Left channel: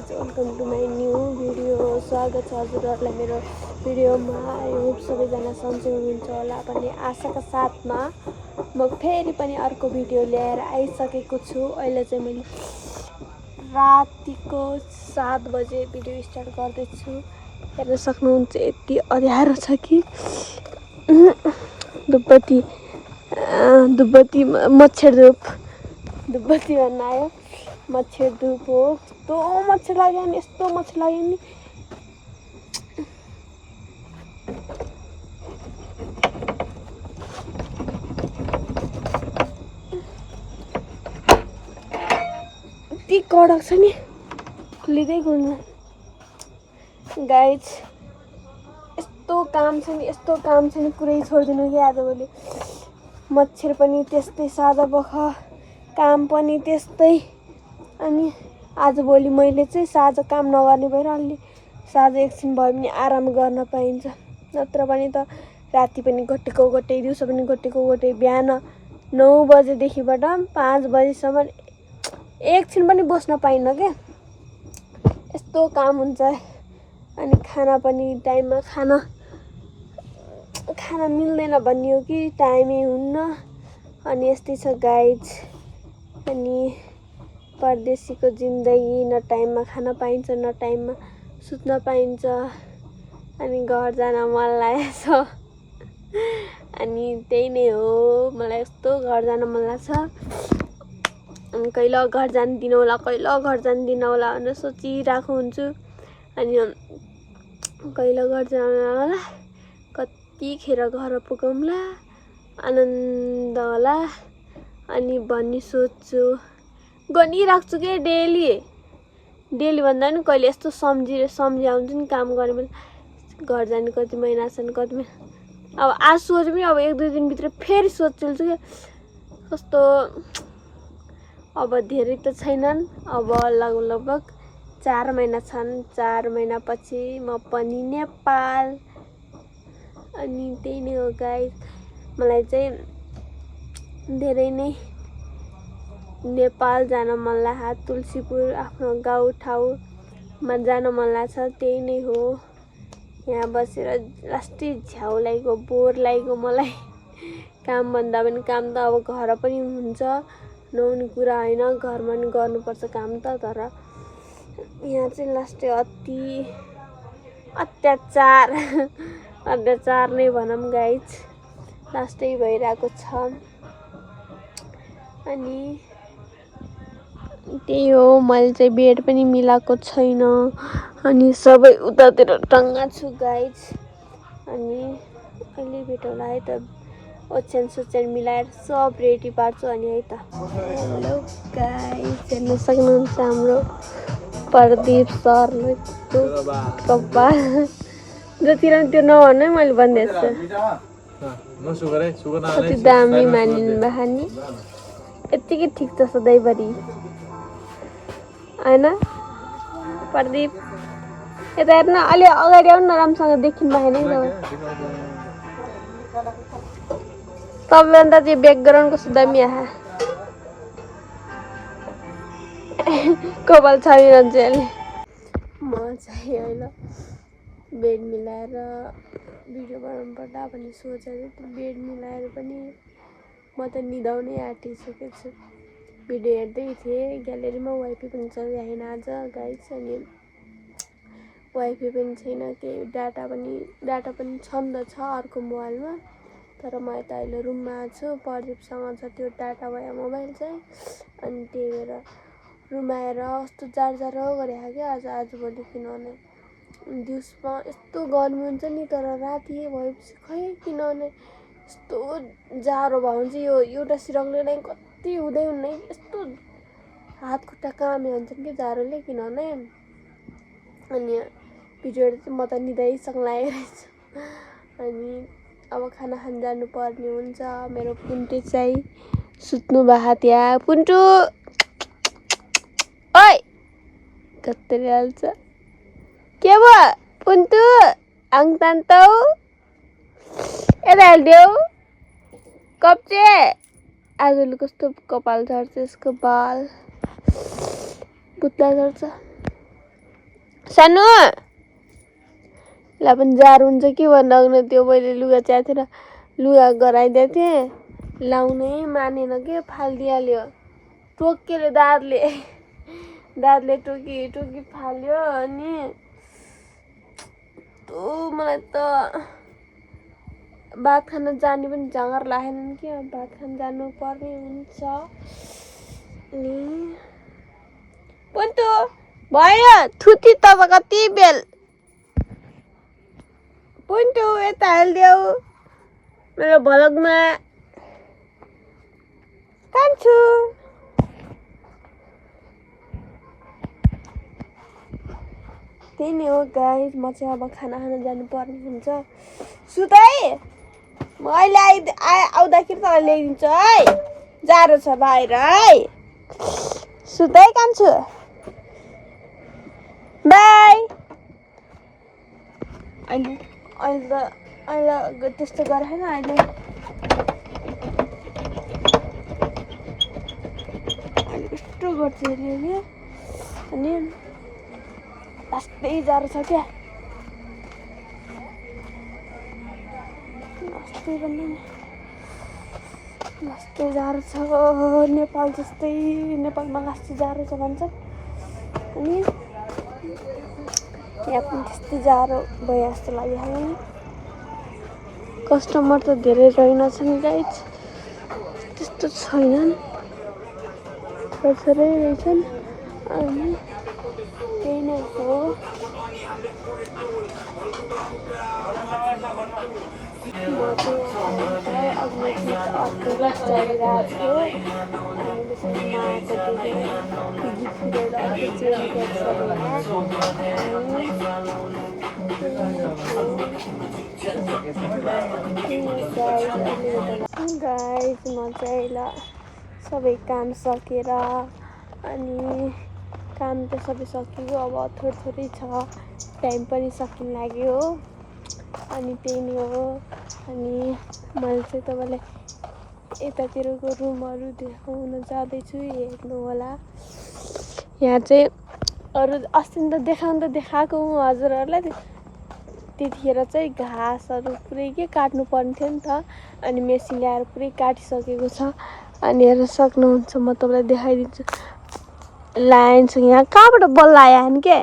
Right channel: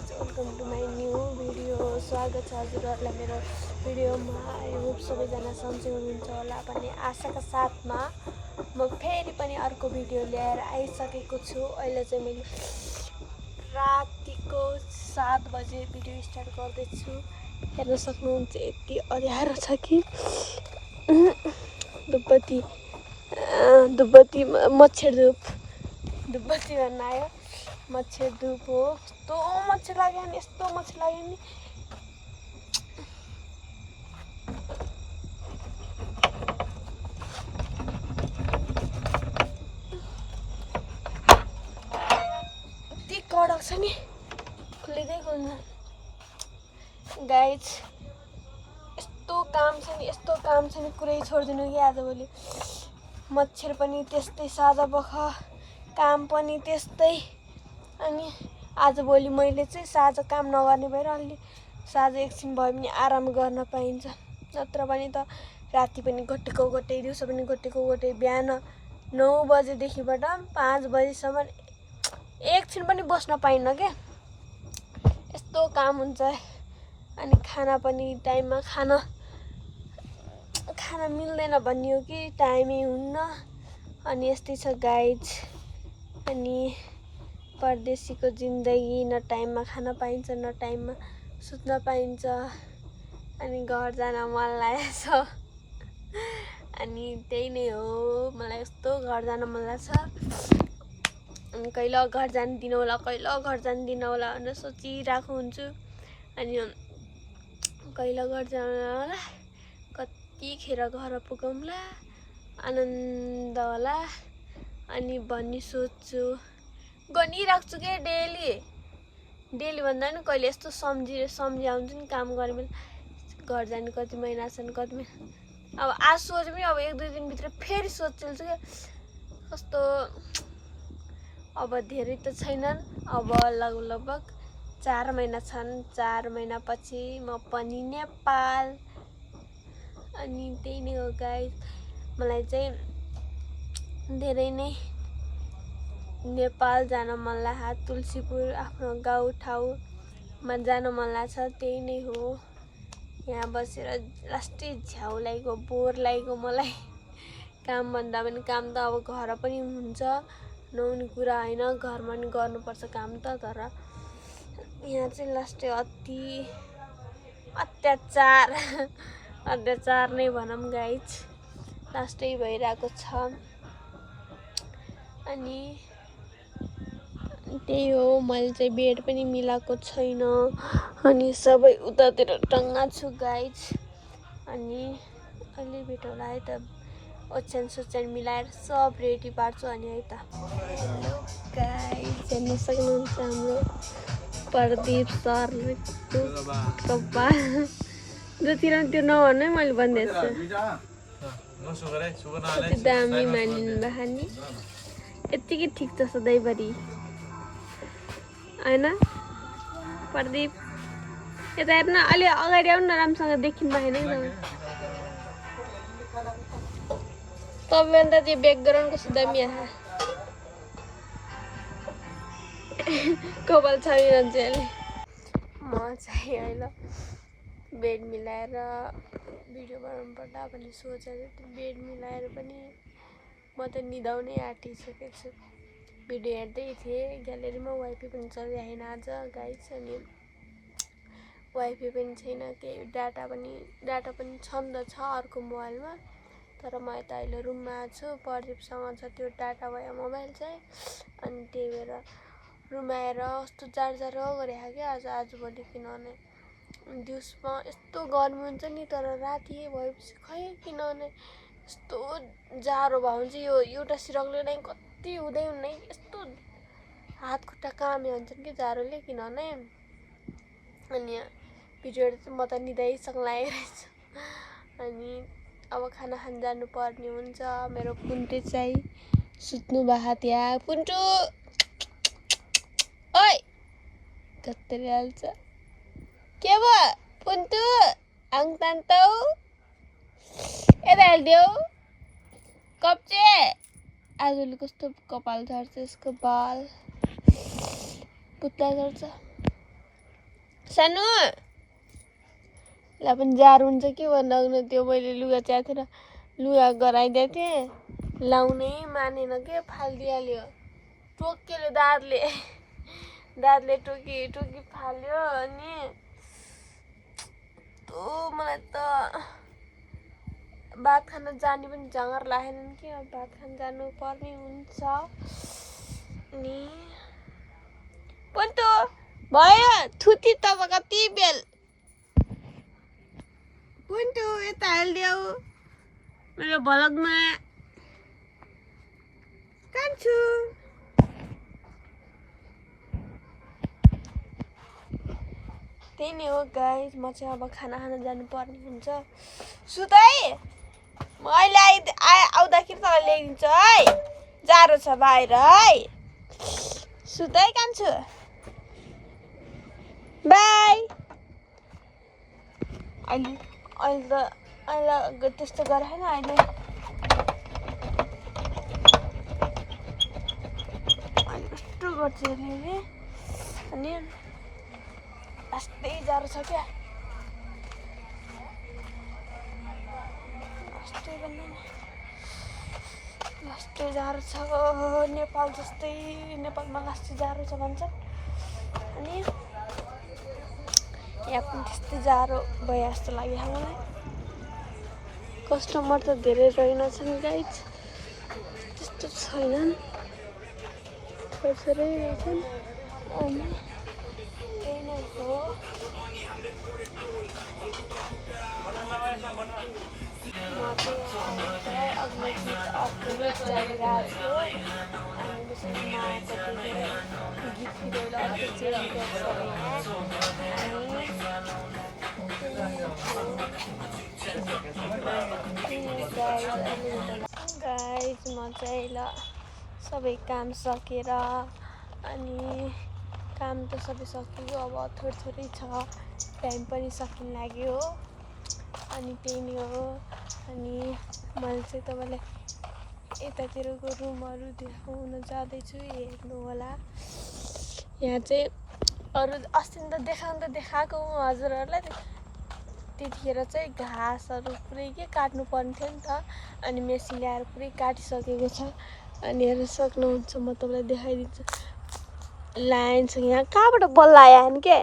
Guys welcome to my new video. स्वागत छ हजुरहरूलाई मेरो भिडियोमा। आई होप सबैजना सन्चै हुनुहुन्छ होला भन्ने आशाका साथमा म फेरि पनि अर्को भिडियो ल्याएर आइसकेको छु। अहिले चाहिँ मैले रातिको 7 बजे भिडियो स्टार्ट गर्दैछु। हेर्न सक्नुहुन्छ यति अँध्यारो छ कि धुपबत्ती मच्छर धुपबत्ती भन्न आयो। मच्छर धुप हो। यस्तो मच्छर लाग्यो नि, यस्तो मच्छर लाग्यो नि। यति कडक छ नि, खुलिँदै खुल्नु। गाइज यस्तो काम छ नि पुरै छोडिदिनु कि आजभोलि। मच्छर पनि त्यस्तै, सादा बख काम पनि त्यस्तै। अनि आजभोलि मैले चाहिँ साँझ काम नगर्ने भएर अलि साँझ एकछिन भए पनि आराम गर्न पाइन्छ। नत्र पनि त राति पनि घटेको घटे, दिउँसो पनि घटेको घटे। बिहान 9 बजेदेखिबाट 5 बजेसम्म एकछिन पनि बस्न पाइन्न क्या, यस्तो काम हुन्छ। अनि खाना पनि टाइममा खाना मिल्दैन भन्ने हो कि टाइमै हुन्न। अनि यस्तै छ गाइज। अनि परदेशीको जिन्दगी, न टाइममा खान पाइन्छ न टाइममा सुत्न पाइन्छ। अनि घर जान मन लागेको छ। अनि त्यही नै हो, मलाई यस्तो घर जान मन लाग्छ। अनि कहिले घर जान दिनौला भनेर सोचिरहेको हुन्छु। अनि कहिले घर जान होला, कतिखेर घर पुगौँला, आनन्द होला अनि भन्ने सोच्छु, गरिराख्छु के डेली भन्दा पनि कहिले यस्तो सम्झाउँछु नि काम गर्ने बेला। घर जाने कति महिना छन्, कति महिना। अब आज सोच पनि अब 1-2 दिनभित्र फेरि सोच्छु क्या कस्तो। अब धेरै त छैनन्, अब लगभग 4 महिना छन्। 4 महिनापछि म पनि नेपाल। अनि त्यही नै हो गाइज। मलाई चाहिँ धेरै नै नेपाल जान मन लाग्छ। तुलसीपुर आफ्नो गाउँ ठाउँमा जान मन लाग्छ। त्यही नै हो। यहाँ बसेर लास्टै झ्याउ लागेको, बोर लागेको मलाई। काम भन्दा पनि काम त अब घर पनि हुन्छ, नहुने कुरा होइन। घरमा पनि गर्नुपर्छ काम त। तर यहाँ चाहिँ लास्टै अत्याचार नै भनौँ गाइज, लास्टै भइरहेको छ। अनि त्यही हो, मैले चाहिँ बेड पनि मिलाएको छैन। अनि सबै उतातिर टङ्गा छु गाइज। अनि अहिले भेटौँला है त, ओछ्यान मिलाएर सब रेडी पार्छु अनि है त। हेलो गाइज, हेर्न सक्नुहुन्छ हाम्रो प्रदीप सर कपाल जतिर त्यो नभन्नु है, मैले भनिदिएको छु। कति दामी मानिनु भयो नि, यत्तिकै ठिक छ सधैँभरि होइन। प्रदीप यता हेर्न, अलि अगाडि आउनु न, राम्रोसँग देखिनु भएन नि तपाईँभन्दा चाहिँ ब्याकग्राउन्ड कस्तो दामी आहा। कपाल छामिरहन्छ अहिले। म चाहिँ होइन बेड मिलाएर भिडियो बनाउनु पर्दा भन्ने सोचेर त्यो बेड मिलाएर पनि म त निदाउनै आँटिसकेको छु। भिडियो हेर्दै थिएँ, ग्यालेरीमा वाइफाई पनि चलिरहेन आज गाइज। अनि वाइफाई पनि छैन, केही डाटा पनि छन् त छ अर्को मोबाइलमा। तर म यता अहिले रुममा छु, प्रदीपसँग छ त्यो डाटा भयो मोबाइल चाहिँ। अनि त्यही भएर रुममा आएर कस्तो जाडो गरेको क्या आजभोलि। किनभने दिउँसोमा यस्तो गर्मी हुन्छ नि, तर राति भएपछि खै किनभने यस्तो जाडो भयो भने चाहिँ यो एउटा सिरकले नै कति हुँदै हुने, यस्तो हात खुट्टा कामे हुन्छन् कि जाडोले। किनभने अनि भिडियो चाहिँ म त निदाइसक्ला रहेछ। अनि अब खाना खान जानुपर्ने हुन्छ। मेरो पुन्टु चाहिँ सुत्नु भएको त्यहाँ। पुन्टु ओइ कत्तरी हाल्छ, के भयो पुन्टु? आङ तान्तौ यता हालिदेऊ कप्चे। आजले कस्तो कपाल झर्छ, यसको बाल पुत्ला झर्छ। सानो ला पनि जार हुन्छ कि भन्दा त्यो मैले लुगा च्यातेर लुगा गराइदिएको थिएँ लाउनै मानेन के फालिदिइहाल्यो टोकेले दाँतले टोकी फाल्यो अनि मलाई त भात खान जाने पनि जाँगर लागेन कि अब भात खान जानु पर्ने हुन्छ नि पन्तु भयो थुती तब कति बेल पन्तु यता हालिदेऊ मेरो भलगमा कान्छु त्यही नै हो गाइस म चाहिँ अब खाना खान जानु पर्ने हुन्छ सुतै म अहिले आउँदाखेरि तँलाई ल्याइदिन्छु है जाडो छ बाहिर है सुतै कान्छु बाई अहिले त्यस्तो गरेन अहिले कस्तो गर्छ अरे अनि लास्टै जाडो छ क्या लास्टै जाडो छ नेपाल जस्तै नेपालमा लास्टै जाडो छ भन्छ अनि यहाँ पनि त्यस्तै जाडो भयो जस्तो लाग्यो हामीलाई कस्टमर त धेरै रहेनछन् गाइस त्यस्तो छैनन् थोरै रहेछन् अनि त्यही नै हो म चाहिँ अघि अर्को क्लास चलिरहेको थियो अनि त्यसरी माको गीत फिरेर अर्को चेन्ज गर्छ गाइस म चाहिँ ल सबै काम सकेर अनि काम त सबै सकियो अब थोरै छ टाइम पनि सकिन लाग्यो हो अनि त्यही नै हो अनि मैले चाहिँ तपाईँलाई यतातिरको रुमहरू देखाउन जाँदैछु हेर्नु होला यहाँ चाहिँ अरू अस्ति त देखाएको हजुरहरूलाई त्यतिखेर चाहिँ घाँसहरू पुरै के काट्नु पर्ने थियो नि त अनि मेसिन ल्याएर पुरै काटिसकेको छ अनि हेर्न सक्नुहुन्छ म तपाईँलाई देखाइदिन्छु लाइन छ यहाँ कहाँबाट बल्ल आयो नि के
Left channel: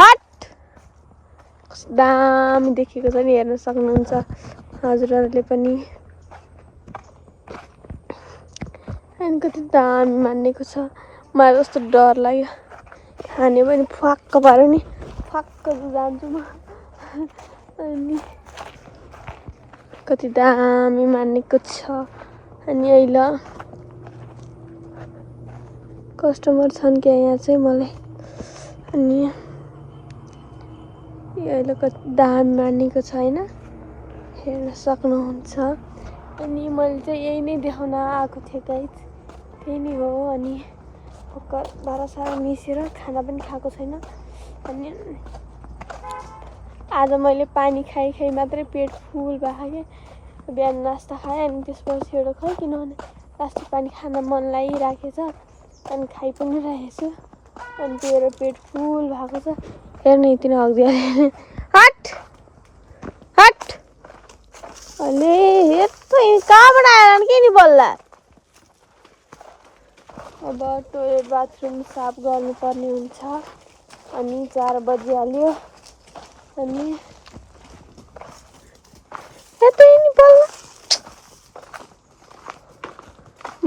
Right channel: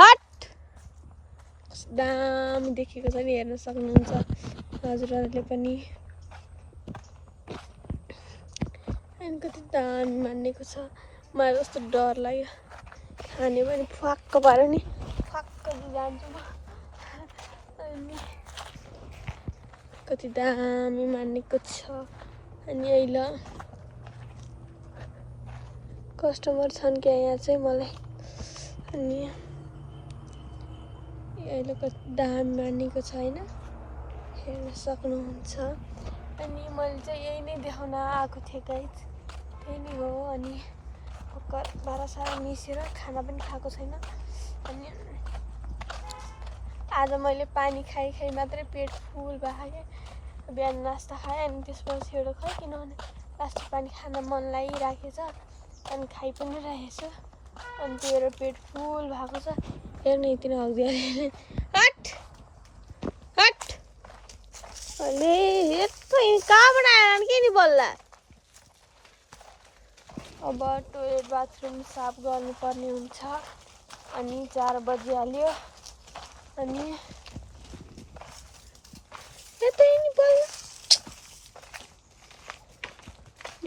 हट दामी देखेको छ नि हेर्न सक्नुहुन्छ हजुरहरूले पनि अनि कति दामी मानेको छ मलाई कस्तो डर लाग्यो खाने पनि फ्वाक्क पाऱ्यो नि फ्वाक्क जान्छु म अनि कति दामी मानेको छ अनि अहिले कस्टमर छन् क्या यहाँ चाहिँ मलाई अनि अहिले कति दामी मानेको छ होइन हेर्न सक्नुहुन्छ अनि मैले चाहिँ यही नै देखाउन आएको थिएँ गाइस त्यही नै हो अनि भर्खर भाँडासाँडा मिसेर खाना पनि खाएको छैन अनि आज मैले पानी खाइ मात्रै पेट फुल भएको क्या बिहान नास्ता खाएँ अनि त्यसपछि एउटा खै किनभने लास्टै पानी खान मन लागिराखेछ अनि खाइ पनि राखेको छु अनि त्यही भएर पेट फुल भएको छ हेर्नु यति नै हगिदियो हट हट अनि यस्तो कहाँबाट आएर के नि बल्ला अब टोइलेट बाथरुम साफ गर्नुपर्ने हुन्छ अनि 4 बजिहाल्यो अनि यतै नि बल्ल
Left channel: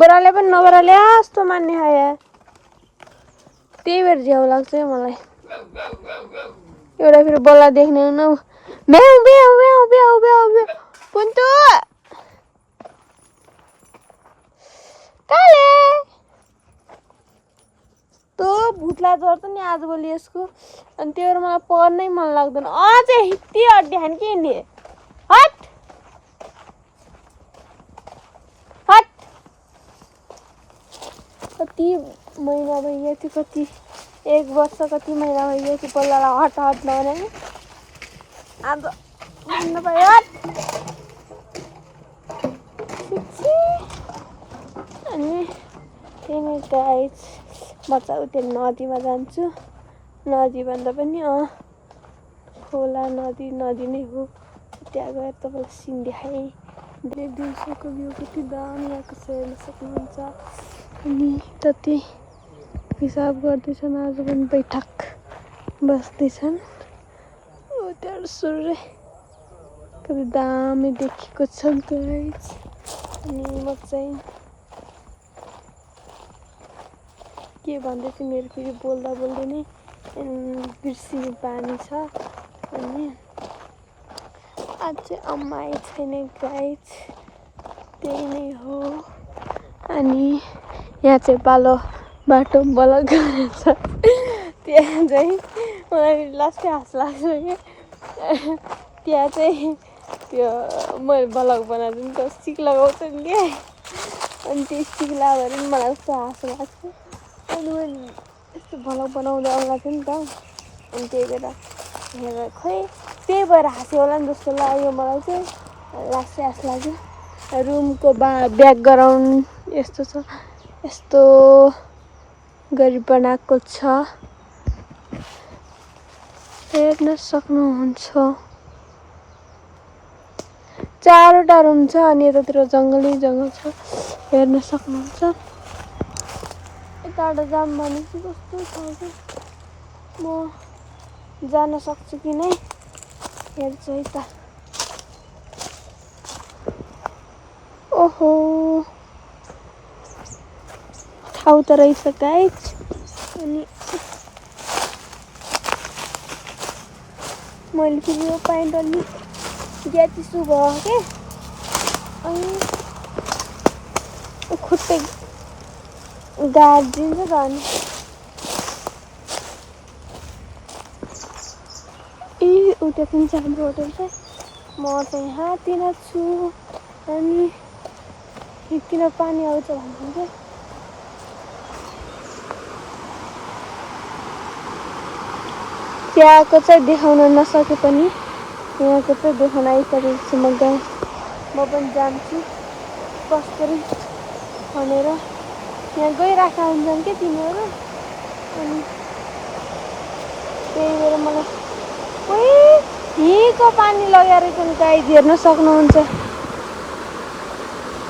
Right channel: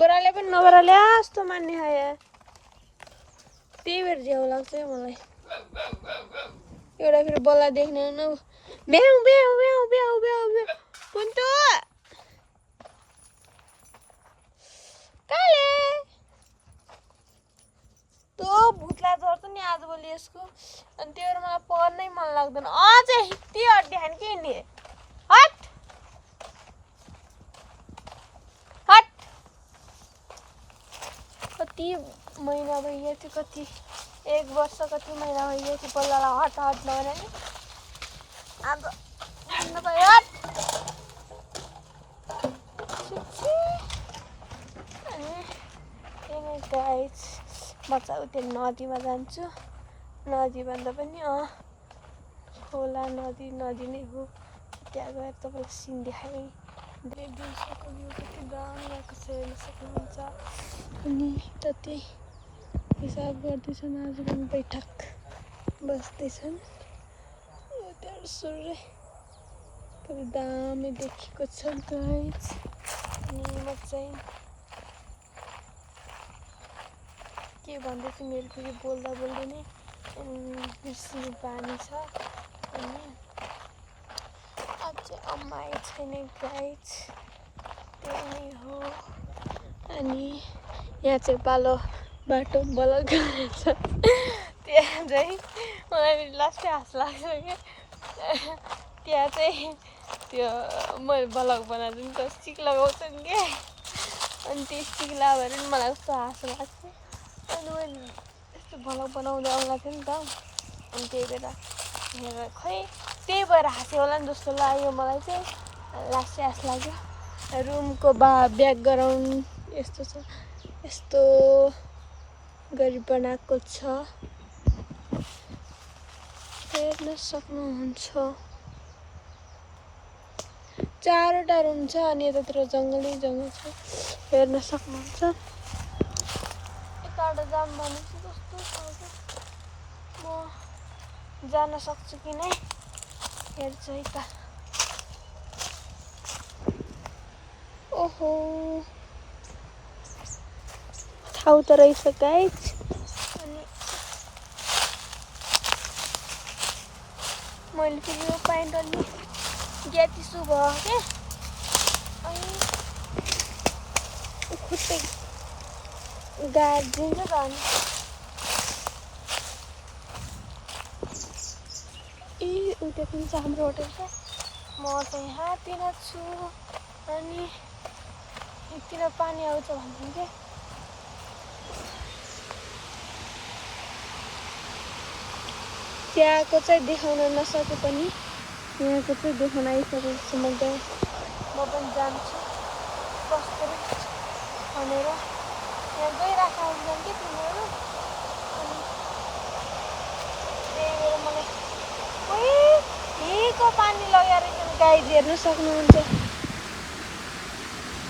बराले पनि नबराले जस्तो मान्ने खायो त्यही भएर झ्याउ लाग्छ मलाई एउटा फेरि बल्ला देख्ने न ब्याउ ब्याउ ब्याउ ब्याउ ब्याउ पुन्तु काले तो भुत्ला जर्छ नि आजभोलि यसको अनि त्यो भएर मलाई पढ्नै मन लाग्दैन अझै हित्ती अड्डी खान के नि हट हट कति महिना भइयो त्यो कति 1 वर्ष कति महिना भइयो त्यो बल्लालाई हट हट नभने नि आज भन्न पायो हट अनि त्यही नै गाइस म चाहिँ उता नदीमा जान्छु नदी भन्दा पनि खोला नदी नै हो। त्यहाँ गएर तपाईँलाई सिन देखाएँ। धेरै दिउँसोको भ्यू कति दामी आएको छ हेर्न सक्नुहुन्छ। अनि त्यति हिसाब गर्दैछन् आज पनि बैठक बस्दैछन्। त्यहाँ सूर्य कति दामी देखेको छ गाइस। अनि म चाहिँ के भन्दैछु मेरो फेरि बोल्दा बोल्दै नै बिर्सिने बानी छ। अनि आज चाहिँ अम्मा छैन गाइस, त्यही नै हो। अनि यहाँ चाहिँ पालो बाटो ब्लक गरेछ। त्यहाँ चाहिँ मलाई लास्टै हाँस लाग्छ कि त्यहाँ चाहिँ त्यो मैले ब्लग बनाएको नि त स्टिक लगाउँछ नि क्या। अनि त्यो स्टिक लगाएर पनि मलाई कस्तो हाँस लाग्छ। अनि मैले यस्तो ब्लग बनाउँदा आउँदा थियो नि त। अनि त्यही भएर हेरेर खोइ त्यही भएर हाँस्यो होला नि जस्तो लाग्यो मलाई चाहिँ। लास्टै हाँस लाग्यो। रुमको ब्याकग्राउन्ड यस्तो छ, यस्तो गरी बनाएको छ, हेर्न सक्नुहुन्छ। 4वटा रुम छ अनि यतातिर जङ्गलै जङ्गल छ, हेर्न सक्नुहुन्छ। यताबाट जाम भनेपछि कस्तो छ कि म जान सक्छु कि नै हेर्छु है त। ओहो ठाउँ त रहेछ गाइस। अनि मैले फेरि यो प्यान्ट अलि ग्याप इस्यु भयो क्या। अनि खुट्टै गाडिदिन्छ त। अनि उता पनि छ हाम्रो होटल चाहिँ। म चाहिँ यहाँतिर छु। अनि किन पानी आउँछ भन्छन् क्या। त्यहाँको चाहिँ देखाउन नसके पनि यहाँको चाहिँ देखाउन आइसकेको छु। म पनि जान्छु कसरी भनेर। यहाँ गइरहेका हुन्छन् क्या तिनीहरू। अनि त्यही भएर मलाई हिँको पानी लगेर रहेछन् गाइस, हेर्न सक्नुहुन्छ।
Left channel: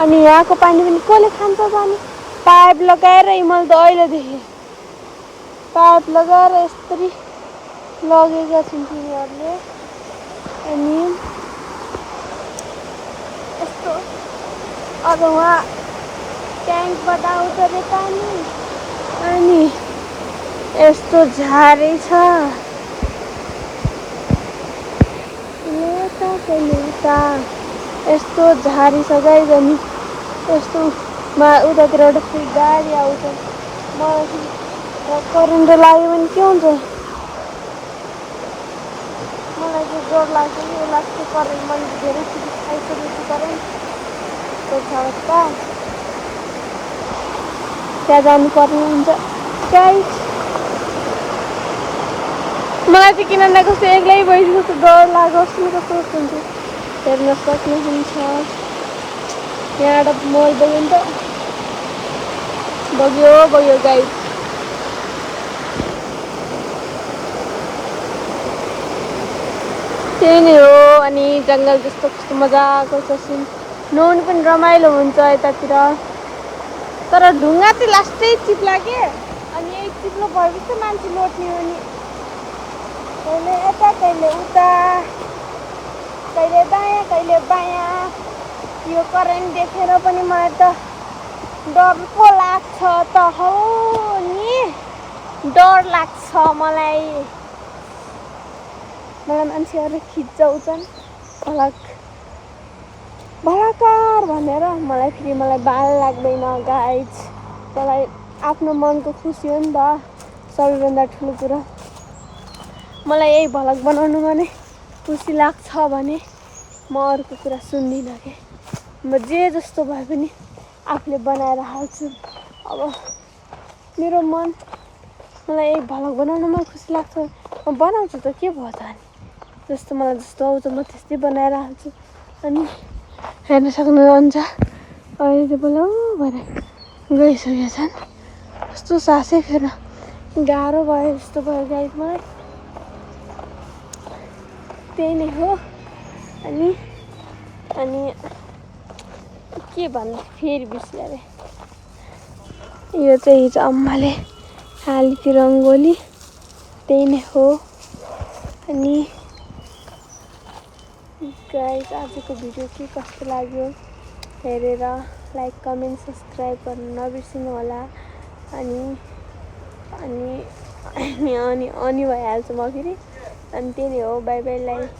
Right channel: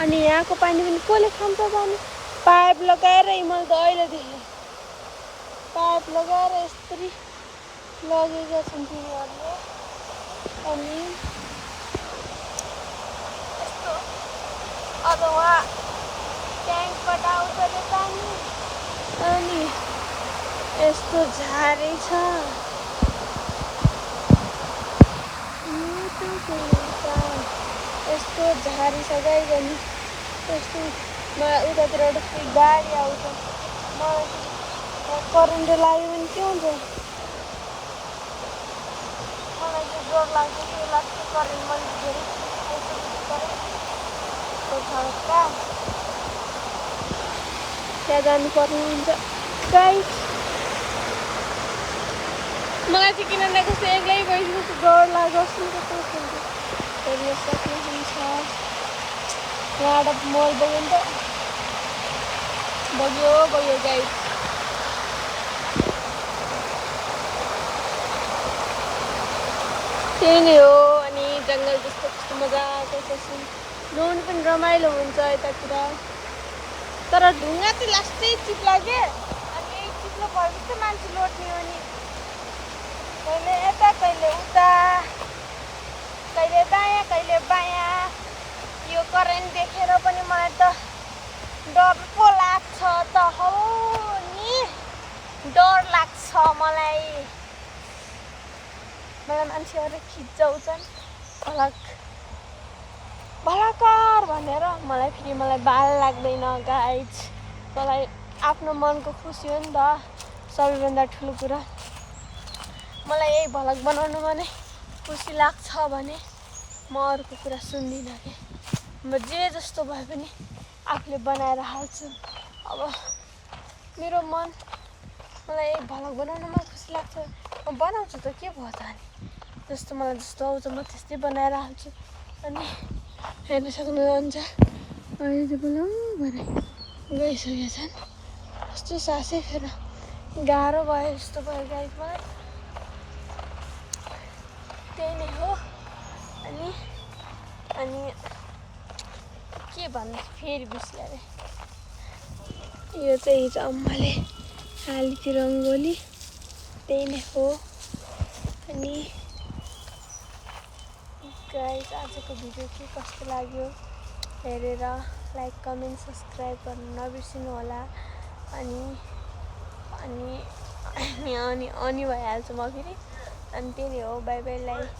अनि यहाँको पानी पनि कसले खान्छ पानी? पाइप लगाएर मैले त अहिले देखेँ पाइप लगाएर यसरी लगेका छन् तिनीहरूले। अनि यस्तो अब उहाँ ट्याङ्कबाट आउँछ अरे पानी। अनि यस्तो झारै छ, यस्तो झारी छ गाइस। अनि यस्तो उतातिर एउटा फेरि गाडी आउँछ। मलाई करेन्ट लाग्यो भने के हुन्छ? मलाई चाहिँ डर लाग्छ कि लास्टै करेन्ट। मैले धेरै आइसकेको करेन्ट त्यो छ त्यहाँ जानुपर्ने हुन्छ गाइस। मलाई चाहिँ किन न कस्तो एक्लै भएपछि कस्तो डर लागोस् न कस्तो हुन्छ हेर्न सक्नुहुन्छ। यहाँबाट मल बग्यो नि त, बग्यो गाइस। त्यही नै हो। अनि जङ्गल जस्तो कस्तो मजाको छ सिन। नुहाउनु पनि रमाइलो हुन्छ यतातिर। तर ढुङ्गा चाहिँ लास्टै चिप्ला के। अनि यही चिप्लो भएपछि मान्छे लोट्ने हो नि। कहिले यता कहिले उता, कहिले दायाँ कहिले बायाँ। यो करेन्ट देखेर पनि मलाई त डर पो लाग्छ त हौ नि। डर लाग्छ मलाई मान्छेहरूले खिचाउँछन् भलाकार भनेर। मलाई बाल लाग्दैन गाइज। मलाई आफ्नो मनको खुसी हो नि त सबैभन्दा ठुलो कुरा। मलाई यही भ्लग बनाउनुमा नै खुसी लाग्छ भने म अरूको कुरा सुन्दिनँ के। म जे जस्तो भए पनि आफूले बनाएर हाल्छु। अब मेरो मन मलाई यही भ्लग बनाउनुमा खुसी लाग्छ, म बनाउँछु त के भयो त। अनि मलाई जस्तो आउँछ म त्यस्तै बनाएर हाल्छु। अनि हेर्न सक्नुहुन्छ अहिले चाहिँ बोला भएर गइसकेका छन्। कस्तो सासै फेर गाह्रो भयो जस्तो भयो गाइज मलाई। त्यही नै हो। अनि के भन्नु फेरि बिर्सिएँ अरे। यो चाहिँ हिजो अम्माले हाली थियो रङ्गोली, त्यही नै हो। अनि गाइज आजको भिडियो के कस्तो लाग्यो हेरेर लाइक कमेन्ट सब्सक्राइब गर्नु नबिर्सिनु होला। अनि भइहाल्छु म फेरि। अनि त्यही नै हो, बाई बाई। लाइक